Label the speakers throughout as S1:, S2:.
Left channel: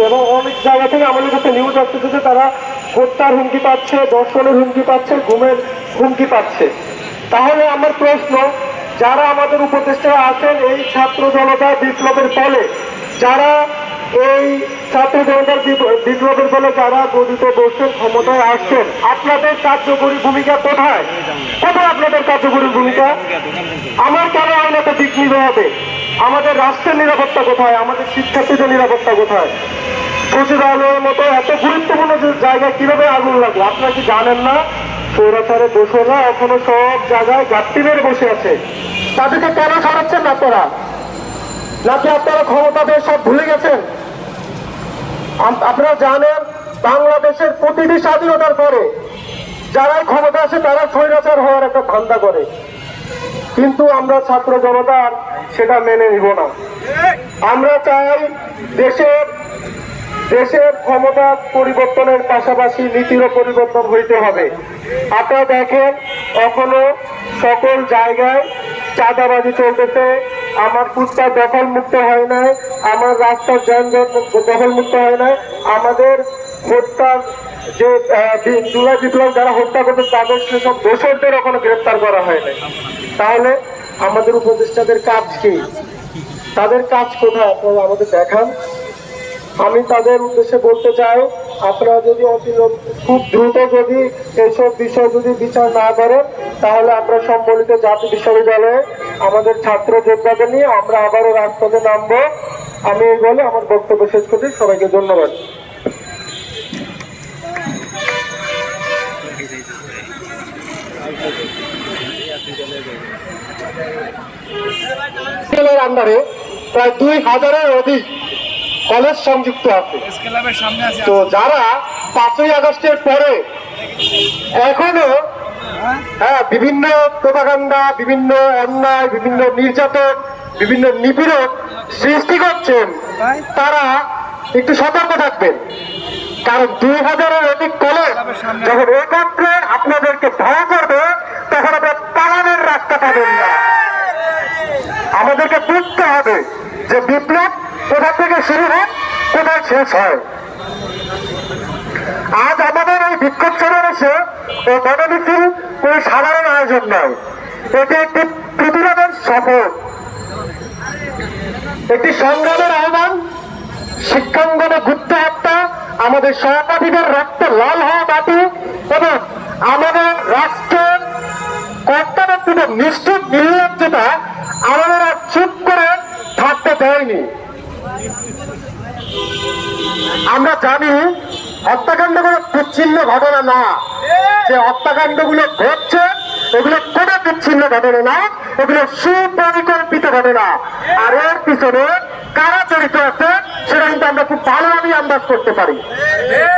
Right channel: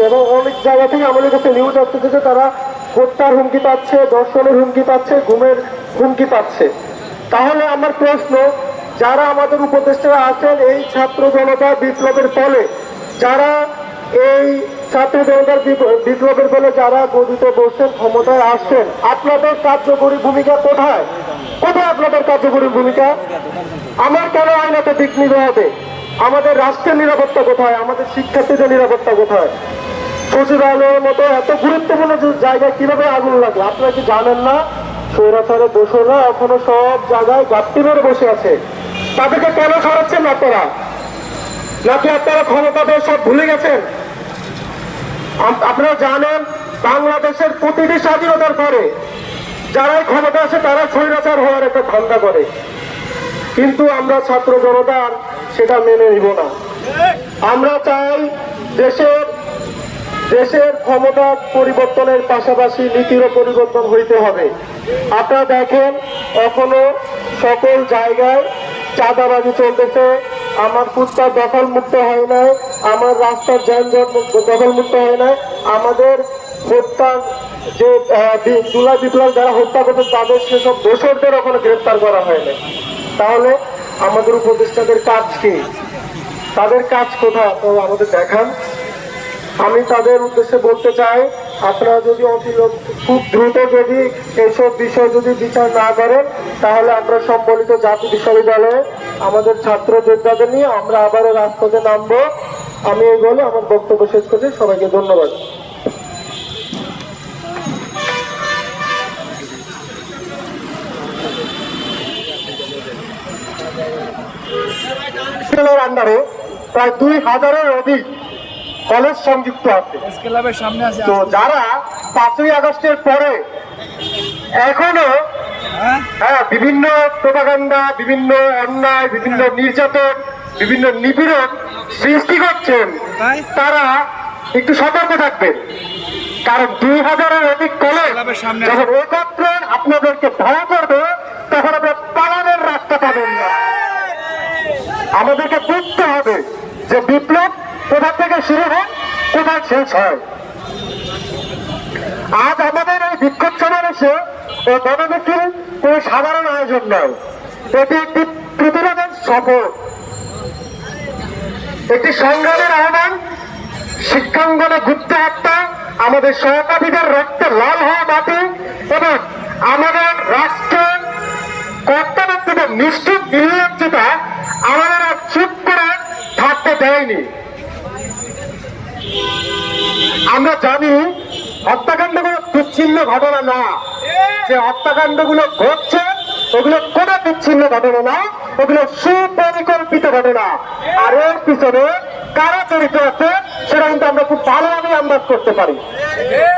S1: এবং অনেক জায়গা থেকে আমাদের কাছে নিউজ আসতেছে যে তারা হত্যার হুমকি পাচ্ছে, দর্শনের হুমকি পাচ্ছে, ঘুমের হুমকি পাচ্ছে। তাহলে আমার প্রশ্ন, যারা আমাদের উপদেষ্টা আছেন, এই ছাত্র জনতা বিপ্লবের ফলে, যারা এই ছাত্র জনতার বিপ্লবের ফলে যারা গদিতে বসে ক্ষমতায় আসছেন আপনাদের কার্যকরী ভূমিকা কোথায়? কোথায় আপনাদের কার্যকরী ভূমিকা? আমার কেন আইনাতে দিক নিতে হবে? আমাদের রাষ্ট্রের নিরাপত্তা কোথায়? আমাদের শিক্ষার্থীদের নিরাপত্তা কোথায়? সচিবালয়ের মতো এত গুরুত্বপূর্ণ জায়গায় কীভাবে আগুন লাগল? আপনারা কি জানেন না? সৌরাচারে না, এখনও সব জায়গায় গাপ্তি মেরে বসে আছে। তাদেরকে কেন সরাচ্ছেন না আপনারা? নাকি আপনারা ক্ষমতাদের সব ভুলে গেছেন? আপনারা জানেন, বাংলাদেশের প্রতিটি স্বাধীনতার পরে যারাই ক্ষমতা আছে, তারা স্বৈরাচার হওয়ার একটা ধান্দা করে। কিন্তু আমরা ছাত্র জনতার সেটা মেনে নিব না। আমরা চাই দেশের দেশের ক্ষমতা পরিবর্তনের পাশাপাশি নীতিরও পরিবর্তন হইতে হবে। আপনারা দেখেন, এখনও সকল জায়গায় চাঁদাবাজি চলতেছে। আমার ফুটপাত দখল মুক্ত হয় নাই, আমার রাস্তার যানজট দখল মুক্ত হয় নাই। আমাদের হত্যা যে জুলাই বিপ্লব যারা হত্যা করছে, তাদের সেসব দোষরদের এখনও গ্রেপ্তার করা হয় নাই। তাহলে আমাদের উপদেষ্টাদের কাজ কি? তাদের কাজ কোথায়? আপনারা আমাদের দেখান। আমি তাদের উদ্দেশ্যে বলতে চাই, আপনারা যদি খুব দ্রুত যদি এইসব বিষয় যদি বিচার না করেন, তাহলে আমরা সম্বলিত জাতি বিশ্ববিদ্যালয়ে আমাদের ছাত্র যোদ্ধাদের নিয়ে আমরা আবারও রাজপথে নামবো। আমি এই বলে আমার বক্তব্য শেষ করছি। সবাইকে ধন্যবাদ। প্রায় দুই হাজারের অধিক কলেজ সংযুক্ত আছে তো যারা পাঁচই আগস্টের পরে এখনও
S2: হ্যাঁ?
S1: বিভিন্ন প্রোপাগান্ডা, বিভিন্ন অন্যায়, বিভিন্ন নির্যাতন, বিভিন্ন নিপীড়ন সৃষ্টি করছেন, তারা একটু সতর্ক থাকবেন কারণ দুই হাজারের অধিক কলেজ। যখন একত্রে আপনাদেরকে ভয় করবে তখন আপনার পালানোর রাস্তা পাবেন না আমাদেরকে বুঝতে হবে যে বিপ্লব কোথা থেকে শুরু হয়, কোথায় শেষ হয়? আজ আমাদের এই বিক্ষোভ সমাবেশে ও গণমিছিল কোনো সাধারণ আয়োজন নয়, এটি একটি প্রতিরোধের সফর। একটি সংগ্রামের আহ্বান, শিক্ষাঙ্গনে গুপ্ত হত্যা, আমাদের সহপাঠীদের রক্তে লাল হওয়া মাটি এবং আমাদের রাষ্ট্রের কর্তাব্যক্তিদের নিষ্ঠুর নির্লজ্জতা আমাদের আর চুপ করে থাকতে দেয়নি। আমরা জানি হত্যাকাণ্ড কোনো বিচ্ছিন্ন ঘটনা না। যে হত্যাকাণ্ডগুলো ঘটছে, এগুলো কোনো বিচ্ছিন্ন ঘটনা না, এগুলো সুপরিকল্পিত ঘটনা। আর এর পিছনে কারা জড়িত আছে, সেটা কিন্তু আমরা খুব ভালোভাবে আন্দাজ করতে পারি।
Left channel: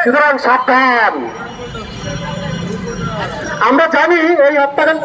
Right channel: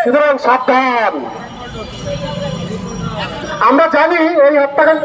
S1: সুতরাং সাবধান। আমরা জানি এই হত্যাকাণ্ড